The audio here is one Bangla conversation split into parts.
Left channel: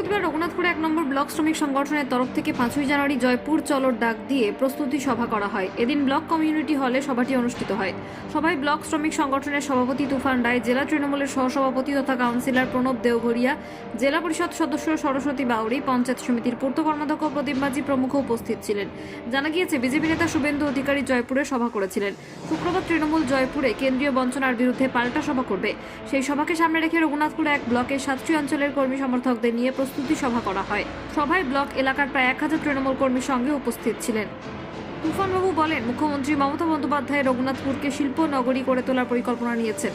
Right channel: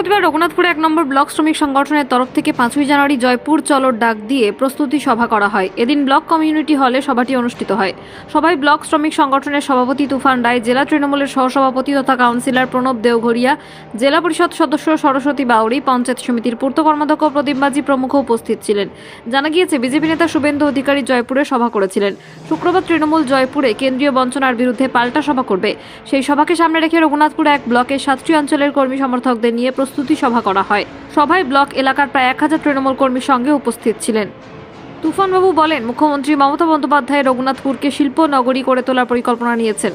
বৃহস্পতিবার রঘুনাথপুরে 1 নম্বর ব্লক শ্রমিক সংগঠনের তরফ থেকে 5ই জানুয়ারি জয়পুর চলোর ডাক দিয়ে প্রস্তুতি সভা করা হয়। এদিন ব্লক কমিউনিটি হলে সভাটি অনুষ্ঠিত হয়। সভায় ব্লক শ্রমিক সংগঠনের সভাপতি তুফান রায়, জেলা তৃণমূলের সহসভাপতি তথা কাউন্সিলর প্রণব দেওঘরিয়া, জেলা পরিষদ সদস্য সরস্বতী বাউরি, পঞ্চায়েত সমিতির পূর্ত কর্মাধ্যক্ষ প্রদীপ মাঝি প্রমুখ উপস্থিত ছিলেন। জানা গিয়েছে, বিজেপি নেতা শুভেন্দু অধিকারী জয়পুরে সভা করেছিলেন। শুক্রবার তৃণমূল জয়পুরে কেন্দ্রীয় বঞ্চনার বিরুদ্ধে পাল্টা সভা করবে। সেই সভাকে সামনে রেখে রঘুনাথপুর 1 ব্লকের 7টি অঞ্চলের কর্মী সমর্থকদের নিয়ে প্রস্তুতি সভা করা হয়। সভায় ব্লক এলাকার প্রায় 1000 তৃণমূল কর্মীর সঙ্গে উপস্থিত ছিলেন। তুফানবাবু বলেন, মুখ্যমন্ত্রী মমতা বন্দ্যোপাধ্যায় রঘুনাথপুরকে শিল্প নগরী করে তোলার পরিকল্পনা নিয়েছেন।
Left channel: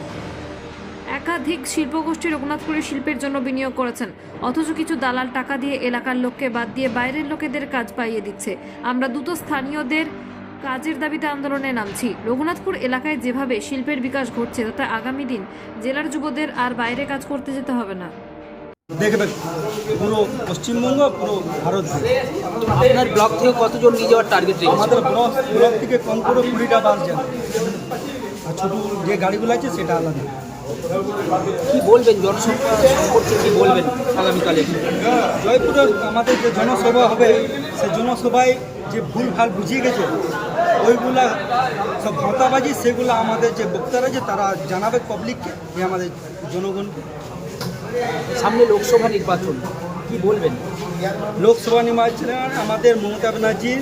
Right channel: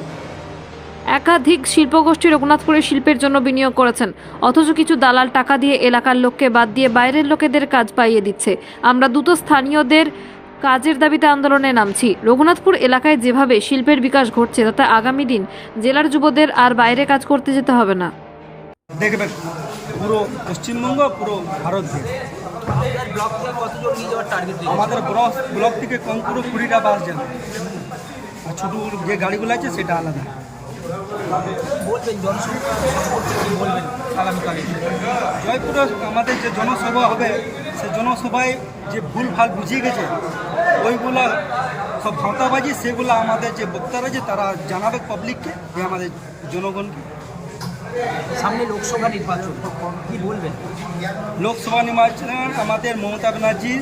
একাধিক শিল্পগোষ্ঠী রঘুনাথপুরের শিল্পের জন্য বিনিয়োগ করেছেন, অথচ কিছু দালাল টাকা দিয়ে এলাকার লোককে বাদ দিয়ে বাইরের লোকেদের কাজ পাইয়ে দিচ্ছে। আমরা দ্রুত স্থানীয়দের কাজের দাবিতে আন্দোলনে নামছি। রঘুনাথপুর এলাকায় যেভাবে শিল্পের বিকাশ ঘটছে, তাতে আগামী দিন জেলার যুবদের আর বাইরে কাজ করতে যেতে হবে না। দেখবেন পুরো পশ্চিমবঙ্গ, পুরো ভারত দিয়ে আপনার ব্লক থেকে কতজন নিয়ে যাওয়ার টার্গেট রয়েছে? আমাদের ব্লক থেকে কম করে 20টা বাস যাবে, আর ছোটো যে গাড়িগুলো আছে সেটা আলাদা। কি বলবেন জনসংখ্যা সম্পর্কে, কি বলবেন আগামীকালে? জয়পুরে আমাদের যে জনসভা হবে, সে জনসভায় যে ভুল ভাল বুঝিয়ে গেছে, ওইগুলা সব ভাঁওতাবাজি, সেগুলো আমাদের যে বক্তারা আছে তারা জানাবে পাবলিককে, যে আমাদের জনগণকে। সামনে লোকসভা নির্বাচন, কি বলবেন? লোকসভা নির্বাচনে আমাদের মমতা ব্যানার্জি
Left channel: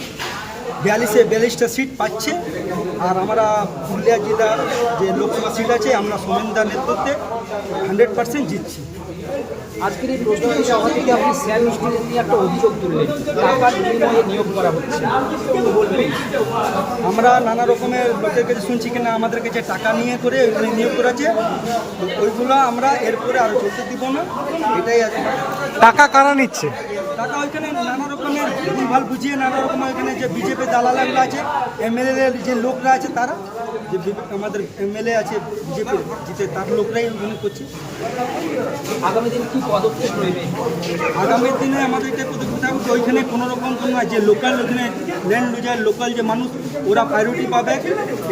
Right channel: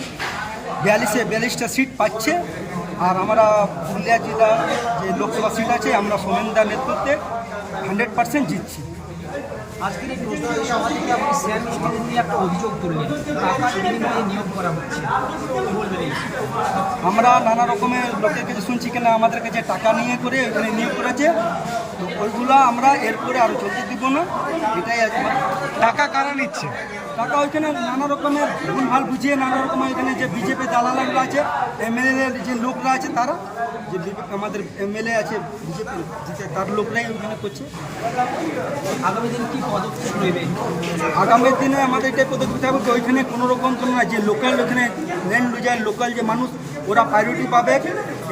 42টা সিট পাচ্ছে, আর আমরা পুরুলিয়া জেলার যে লোকসভা সিট আছে আমরা সোমেনদার নেতৃত্বে 100% জিতছি। আজকের এই প্রশ্নোত্তর সভা থেকে আপনি শ্যাম স্টিলের নিয়ে একটা অভিযোগ তুললেন, টাকার বিনিময়ে নিয়োগ করা হচ্ছে, কি বলবেন? আমরা নানা রকমের লোকের কাছে শুনছি কিনা আমাদের কাছে টাকা নিয়ে করে ওইখানে নিয়োগ করেছে, তো ওইগুলো আমরা এরপরে আরও চলতে দিব না, এটাই আছে। টাকা কারা নিচ্ছে? টাকা ওইখানে নানা রকমের ভুলভাল বুঝিয়ে, নানা রকমের ওইখানে যে বিজেপি দালালগুলো আছে, এমএলএ যে লোকরা আছে, তারা যে আমাদের এমএলএ আছে বিজেপির জিতে, তার লোকরাই ওইখানে করছে। আগামী দিনে কি পদক্ষেপ নেবেন? আগামী দিনে আমাদের এটাই পদক্ষেপ থাকবে, তো ওইখানে কোনো রকম কোনো না, যে লোকাল ওইখানে ল্যান্ড লুজার লোকাল যে মানুষ, ওরা প্রায়োরিটি পাবে,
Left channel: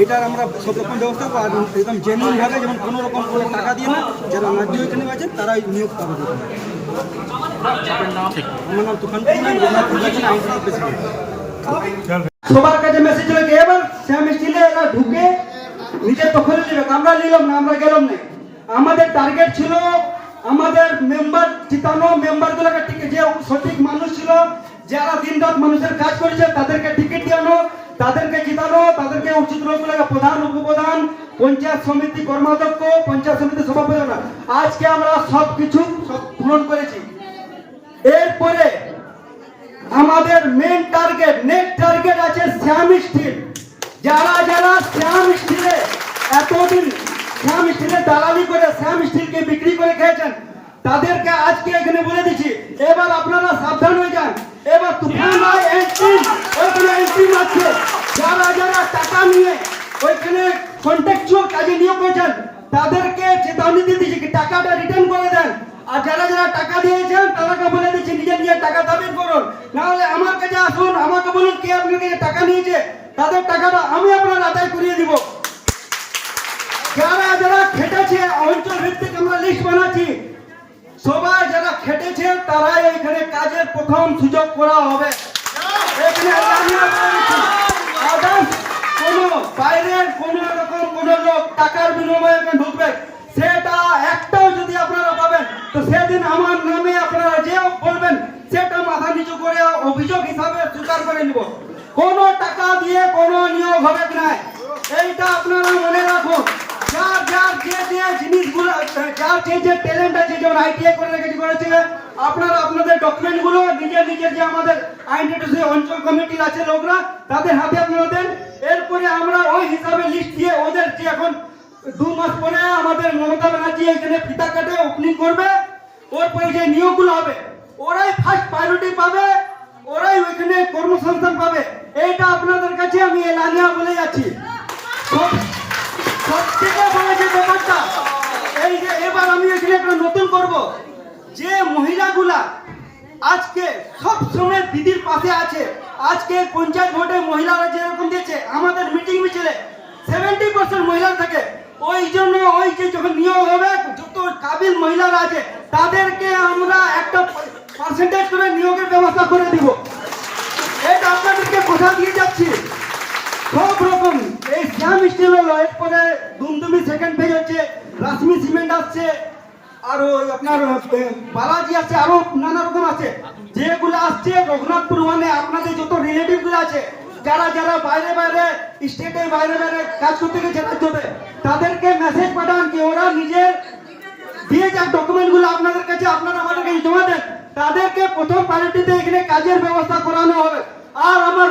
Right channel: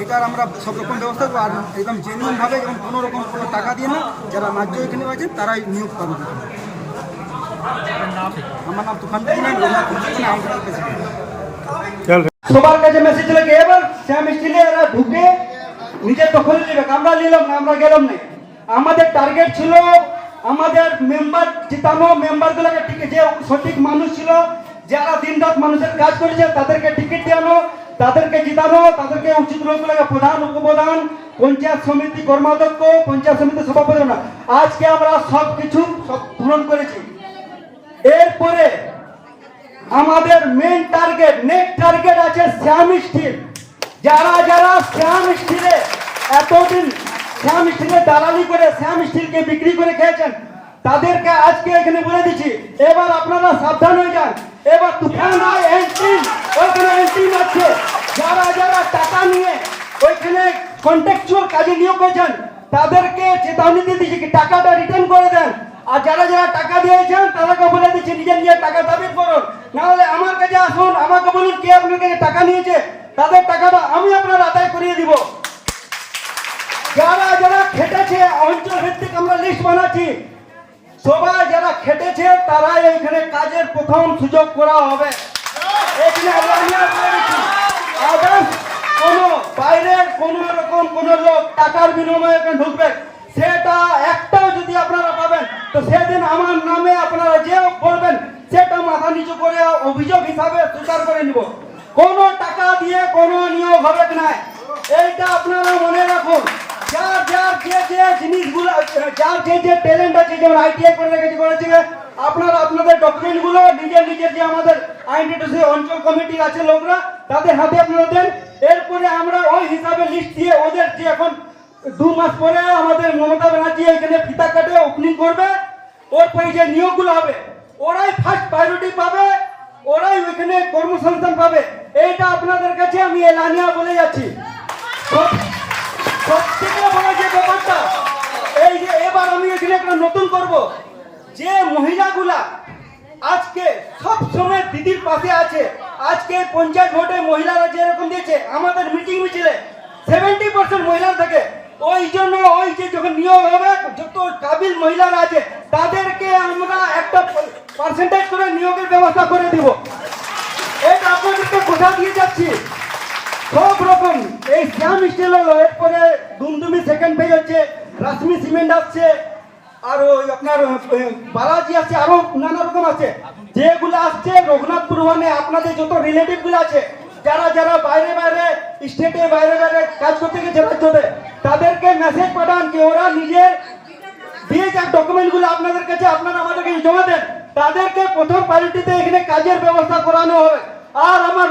এটার আমরা সব রকম ব্যবস্থা করবো। আর একদম জেনুইনভাবে, যেমন কোনো রকম কোনো টাকা দিয়ে না, যারা ন্যায্য ওইখানে আছেন তারাই নিয়োগ পাবে। আমার নাম তুফান কুমার, রঘুনাথপুর ব্লকের আইনজীবী প্রেসিডেন্ট। সবার কাছে মেসেজ ছিল কি, এবার শ্যাম স্টিলে এরা ঢুকে নিজের দখলে নিল, আমরা নিলাম না, আমরা গেলাম না। আমাদের টার্গেট ছিল আমাদের মেম্বার জিতানো, মেম্বারগুলোকে টিকিট, যে সঠিক মানুষ ছিল, যারা দিনরাত মানুষের কাজ করেছে, তাদেরকে টিকিট দেওয়ানো, তাদেরকে জিতানো, তাদেরকে উচিত রোগগুলোকে প্রধান, উপপ্রধান, পঞ্চায়েত সমিতি কর্মাধ্যক্ষ, পঞ্চায়েত সমিতি সভাপতি। আজকে আমরা সব কিছু পূরণ করেছি। এরপরে আমাদের মেন টার্গেট, নেক্সট টার্গেট আছে শ্যাম স্টিল। যারা যারা শ্যাম স্টিলে এতদিন শ্যাম স্টিলে দালালি করে শ্যাম স্টিলকে বিক্রি করে খেয়েছেন, তাদেরকে আজকে এখানে বলে দিচ্ছি, এবার আপনারা সাবধান হয়ে যান। এবার তুফান এন্ট্রি আছে, যারা যারা টাকা নিয়ে ওইখানে কন্ট্রাকচুয়াল কাজে নিয়োগ করেছেন, তাদেরকে চেতাবনী দিয়ে দিচ্ছি, টাকাটা রিটার্ন করে দেন। আর যারা যারা টাকা দিয়েছেন তাদেরকে বলে দিচ্ছি, নিজের নিজের টাকা দাবি করুন, নাহলে আমার কাছে আসুন, আমাকে বলুন কে আপনার কাছে টাকা নিয়েছে, তাদের টাকাটা আমি আপনার আদায় করিয়ে দিব। যারা যারা খেটেছে অঞ্চল ভিত্তিক আমরা লিস্ট বানাচ্ছি, সবাই যারা খেটেছে তারাই এখানে কাজের প্রথম সুযোগ করা হবে। কোন বাইরের কোন রকম কোন লোক টাকার বিনিময়ে ঢুকবে, সেটা একটাও যদি আপনারা পাবেন, তো সেদিন আমার নামে আপনারা যে বলবেন সেটা মাথা নিচু করে অভিযোগ হিসাবে স্বীকার করে নিব। কোন টাকা দিয়ে কোনো নিয়োগ হবে না, এইটা আপনারা মনে রাখুন। যার যার যে জিনিসগুলো, যার যে ট্যালেন্ট আছে, যেমন আইটিআই করে রেখেছে করেছে, আপনারা আপনাদের ডকুমেন্টগুলো নিজের নিজের যে আমাদের আইডেন্টিটি অঞ্চল কমিটি আছে লোকরা, তাদের হাতে আপনারা দেন। এরপরে আমরা ওই হিসাবে লিস্ট দিয়ে ওদের যে এখন 2 মাস পরে আমাদের মমতা ব্যানার্জি এখানে ফিতা কাটে ওপেনিং করবে, ওর পরে যে নিয়োগগুলো হবে ওরাই ফার্স্ট প্রায়োরিটি পাবে, ওরাই ওইখানে কর্মসংস্থান পাবে। এইটা আপনাদের কাছে আমি এলানিয়া বলে যাচ্ছি। সবথেকে বড় যে ব্যাপারটা এই যে এবার আমি এখানে একটা নতুন করব, যে মহিলাগুলা আজকে সব সময় দিদির পাশে আছে, আজকে পঞ্চায়েত ভোটে মহিলারা যেরকম দিয়েছে, আমাদের মিটিং মিছিলে 70% মহিলা থাকে। ওই জন্য ওই যে যখন নিয়োগ হবে, যত কাবিল মহিলারা আছে তাদেরকে আমরা একটা পার্সেন্টেজ করে নিয়োগের ব্যবস্থা করে দিব। এটা আপনাদেরকে কথা দিয়ে যাচ্ছি। সব রকম এই শ্যাম স্টিল হলো, এরপরে দুমদুমি সেকেন্ড ফেজ হচ্ছে, রাশমি সিমেন্ট আসছে, আর ওই আপনার বালাজি আছে, আরো নানা রকম আছে। যেগুলো আসছে রঘুনাথপুর ওয়ানে আপনাদের যত রিলেটিভ গুলো আছে, যারা যারা বাইরে বাইরে স্টেটে বাইরে বাইরে কাজ করতে গেছে রাজ্যতে, তাদেরকে মেসেজ পাঠান কি ওরা নিজের দিয়ে যাক ডকুমেন্ট গুলো আপনাদের কাছে, আপনারা আমাদের কাছে জমা দেন। তাদেরকে প্রথম প্রায়োরিটিতে এখানে কাজের ব্যবস্থা করানো হবে। আর আমার